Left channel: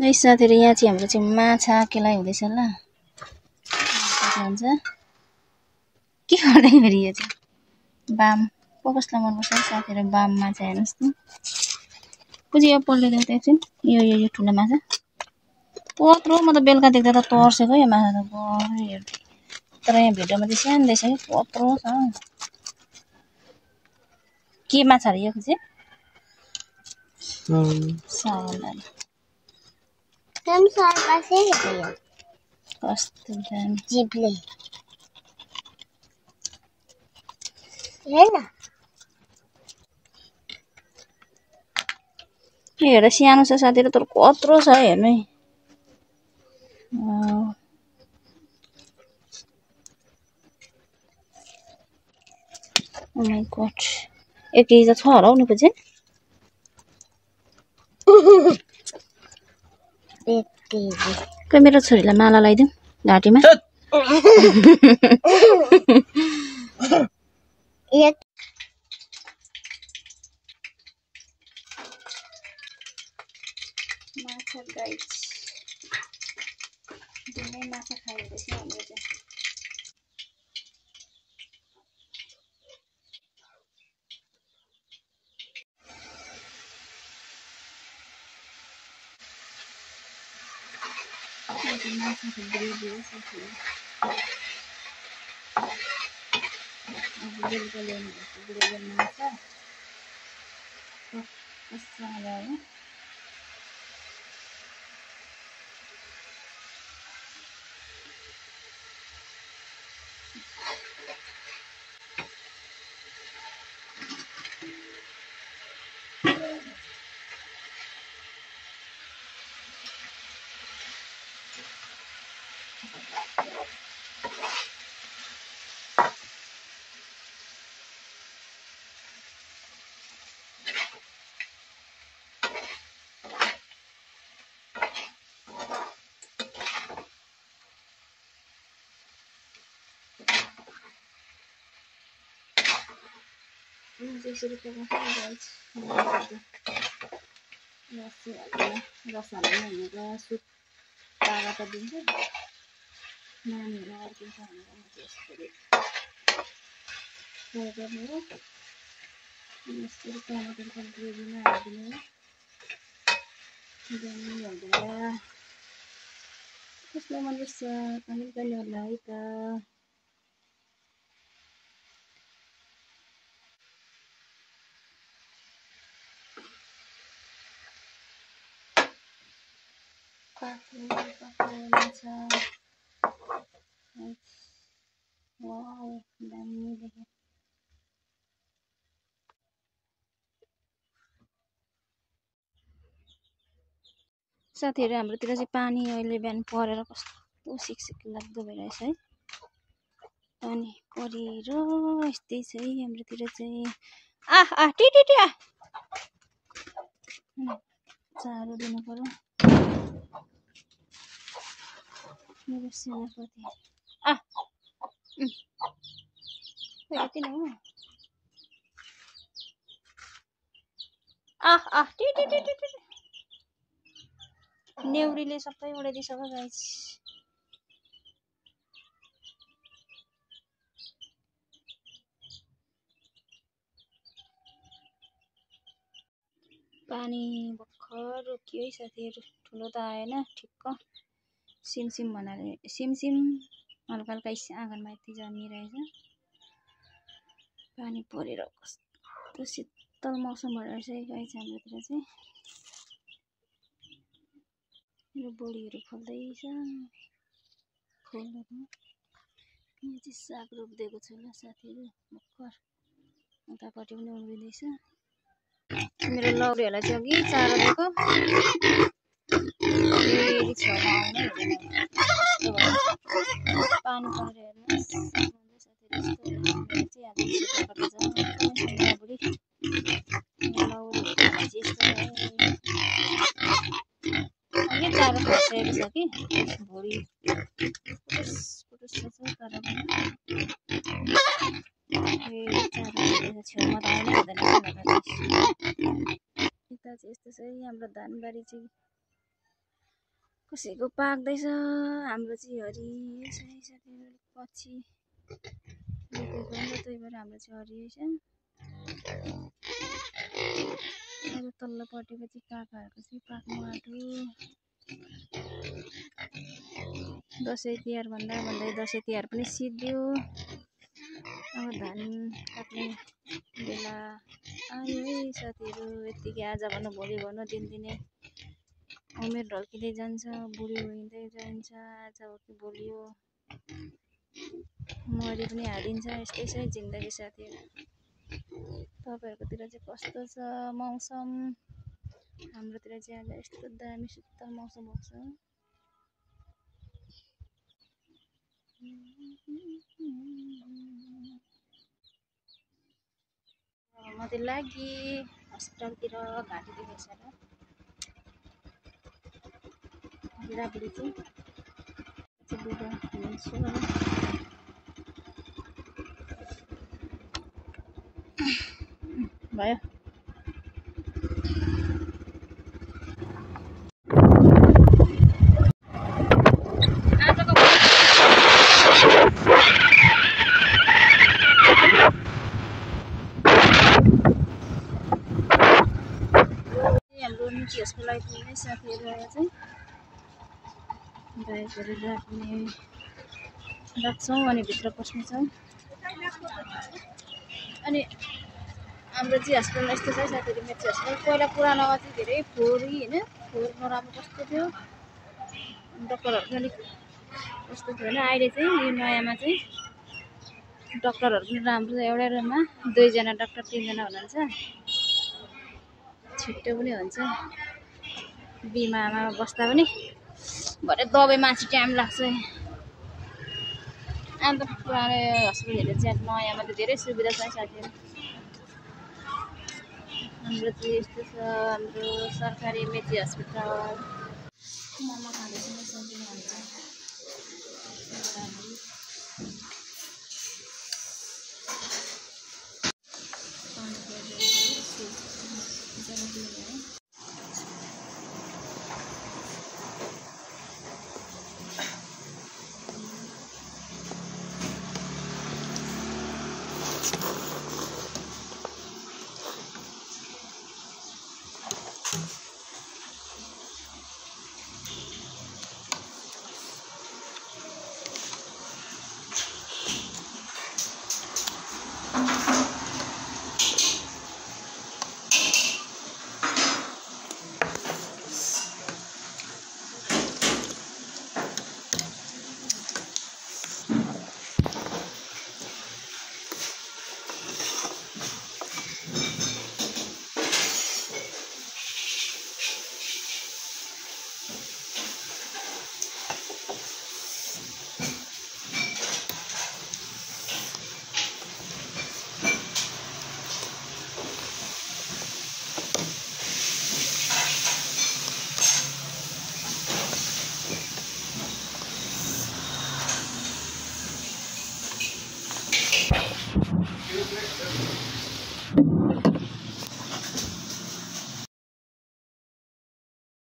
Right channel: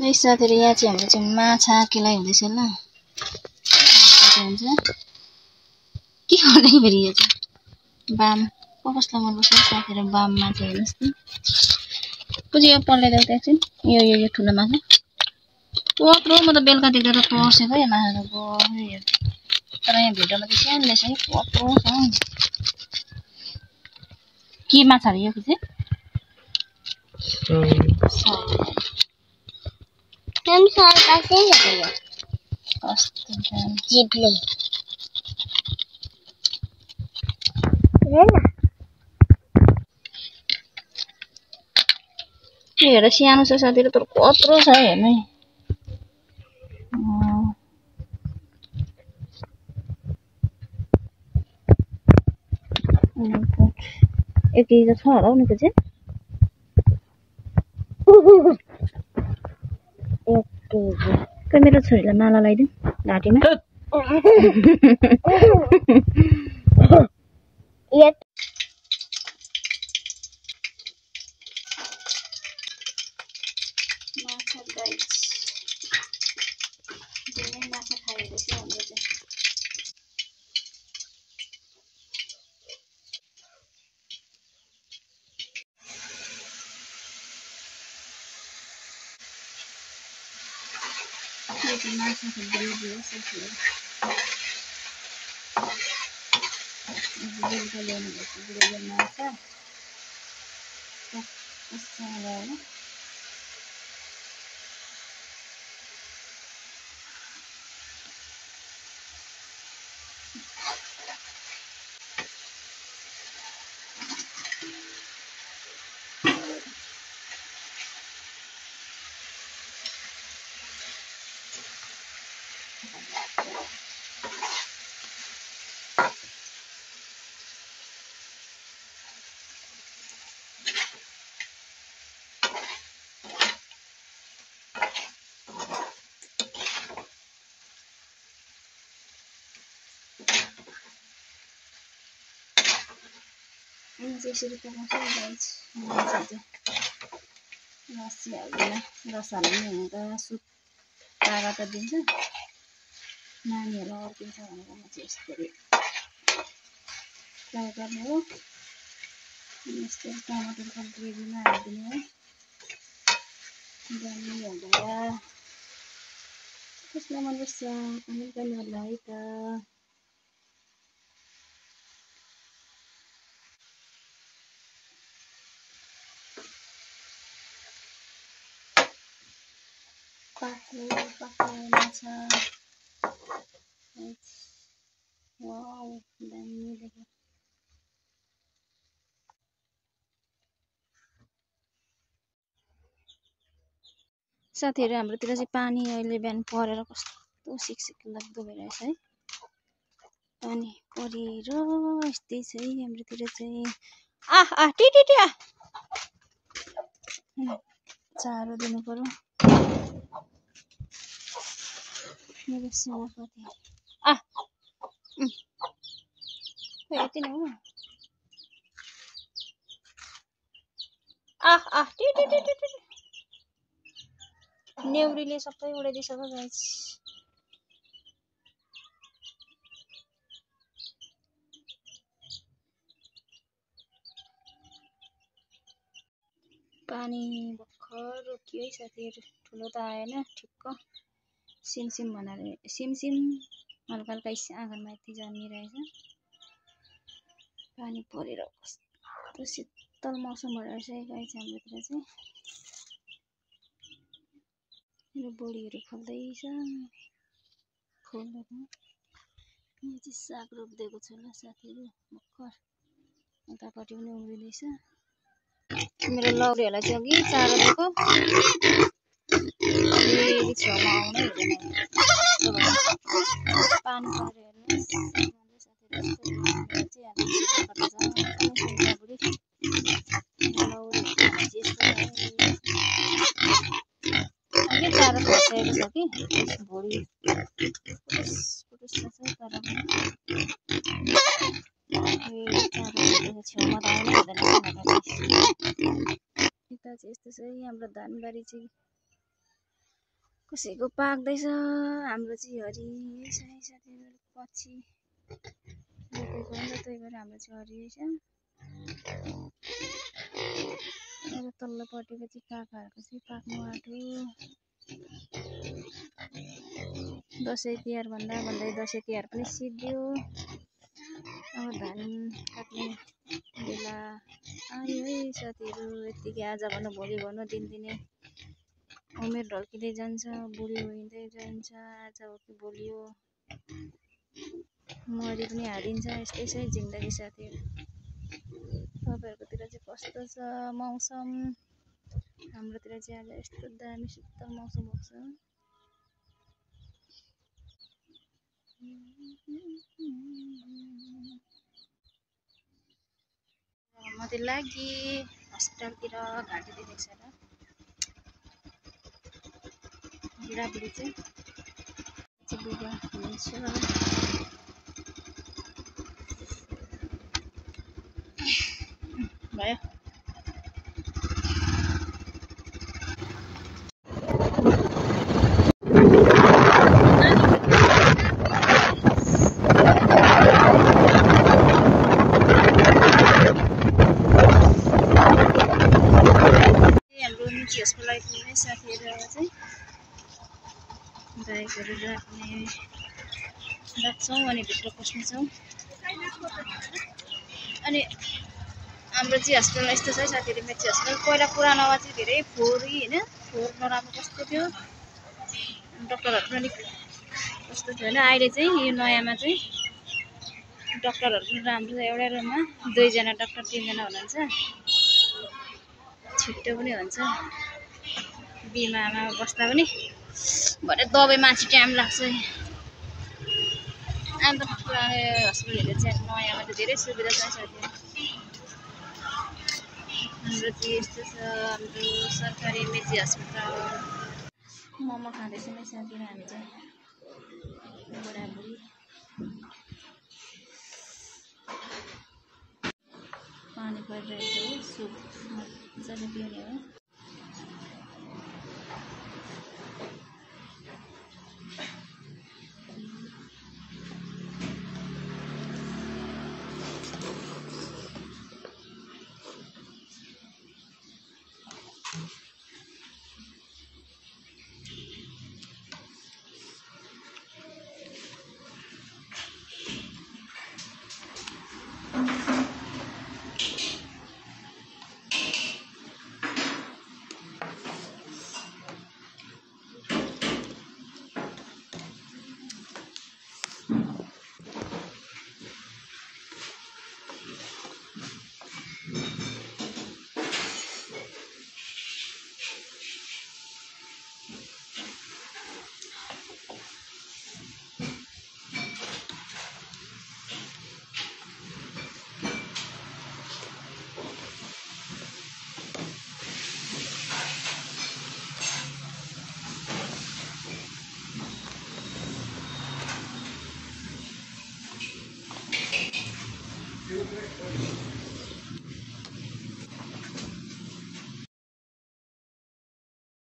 है साथीहरु, यहाँ चाहिँ हाम्रो चाहिँ माछा केलाइ हुँदैछ ल। हुन्छ के गर्दै फेरि यो चाहिँ बाम कसलाई मनपर्छ साथीहरु, बाम माछा हेर्नुस् न। पुजी यो पल्टाइदेऊ त एकछिन। यो ठुलो माछा कत्रो, म त बेलुका देख्दा त तर्सेको यो माछा त गयो। तर यहाँ भिडियोमा चाहिँ सानो देख्छ कि कत्रो छ। के माछा रे यो चाहिँ? कस्तो दामी जिब्ले हेर सानो छ साथीहरु, तर कत्रो छ हेर्नु है। Oh my god, 1 केजी त छ होला हौ नि पुजे। के मेरो छोरीलाई माला लगाइदिउँ घाँटीमा। माछा गाइस, दिनै माछा खाइरहेछ हाम्रो चाहिँ। यो चाहिँ माछाको ग्रेभी हो साथीहरु। बेलुका ल्याउनु भएको ग्रेभी माछा मसाला हो। यसरी पकाउँछ गाइस माछा चाहिँ। रस हाल्दैन, रस हाल्नु हुँदा सुप तारा त दिन्छ, नानीहरूलाई अर्किन्छ भनेर म चाहिँ यसरी फ्राई गर्ने हो। यसरी टमाटरको ग्रेभीमा हालिदिने हो। दामी हुँदैन, कसलाई मनपर्छ कमेन्ट गर्ने होला है त। पाक्ने माछा वाउ दामी देख्यो। साथीहरु, हाम्रोतिर चाहिँ पानी अहिले बिहान परेर कस्तो सिकसिक लाग्दो भइरहेछ है। पानी परेर यस्तै छ है हाम्रोतिर चाहिँ। टिटिटिया चारो दिनु पर्यो मेरो सेनापति। यति नै हो। टिटिटिटिटि नेउरीले सबै उडाइदिसक्यो गाइस। पानी भर्खर रोकियो है साथीहरु, ठुलो त आएन ठिक्क सिमसिम बनाएर सिमसिम हल्का हल्का आँगनमा यति जमिरहेछ। पानी परेर कस्तो शीतल मौसम भइरहेछ है गाइस हाम्रोतिर चाहिँ। मेरो बोडीहरू फल्दैछ फुलहरू। यहाँ चाहिँ साग रोप्दिएको छु ल साथीहरु भर्खर, उतापट्टि पनि उम्रिँदैछ। मेरो लौरीहरूलाई चाहिँ अघि चारो दिएको, फेरि छेउमा आउनै हुँदैन। पानी परेर हेर्नुहोस् अघि चारो खसिएको छ कि भुँडी पुटुस छ तर पनि चारो छेउमा त आउनै हुँदैन। यता चाहिँ यस्तो छ है हाम्रो धानबारी चाहिँ। कसैको पाक्दैछ, हाम्रो चाहिँ हरियो छ साथीहरु। पछि रोपेको हो नि त, त्यही भएर हाम्रो चाहिँ हरियो छ। अब तल्लोपट्टिको चाहिँ काकाहरूको चाहिँ पाक्नु आँट्यो। दसैँ तिहार भन्दै दसैँ तिहार पनि सिद्धियो। अब धान काट्ने बेला आयो है साथीहरु। यतिकै आज भन्नु भोलि भन्नु दिनदिनै उमेर ढल्किँदै जान्छ, बुढी हुँदै जान्छ। आज हो कि भोलि हो, मरि पनि हालिन्छ। यस्तै छ जिन्दगी साथीहरु। तपाईहरुकोतिर चाहिँ कस्तो छ मौसम? हाम्रोतिर चाहिँ आज यस्तो दामी शीतल मौसम भएको छ। म त लागि हस्पिटलतिर घाँटी दुखेको छ र बुढाबुढी चाहिँ लुगा लिन्छु। भयो हाम्रो निजी हस्पिटल आइपुग्ने साथीहरु चाहिँ बाइकहरु राख्ने राख्छौँ अनि भित्र पस्नेछौँ। अनि हाम्रो चाहिँ हस्पिटल यस्तो छ साथीहरु। मेची हस्पिटल पहिला पुरानोमा चाहिँ धेरै फोहोरी हैन, फोहोर नराम्रो कस्तो थियो, डाक्टरहरु पनि कस्तो थियो हैन। अहिले चाहिँ यो नयाँमा चाहिँ डाक्टरहरु पनि राम्रो छ। एउटै रुममा 2 जना डाक्टर 3 जना हुनुहुन्छ। छिट्टो पनि हुन्छ, बिमामा बस्दा पनि। भरे दबाई माथि टाइम लाग्छ। अन्त पुरानो हस्पिटलहरु चाहिँ नयाँमा चाहिँ धेरै सुविधा छ साथीहरु। हाम्रो चाहिँ यस्तो छ हाम्रो सरकारी मेची हस्पिटल। मोमो खाँदैछौँ साथीहरु हामी चाहिँ।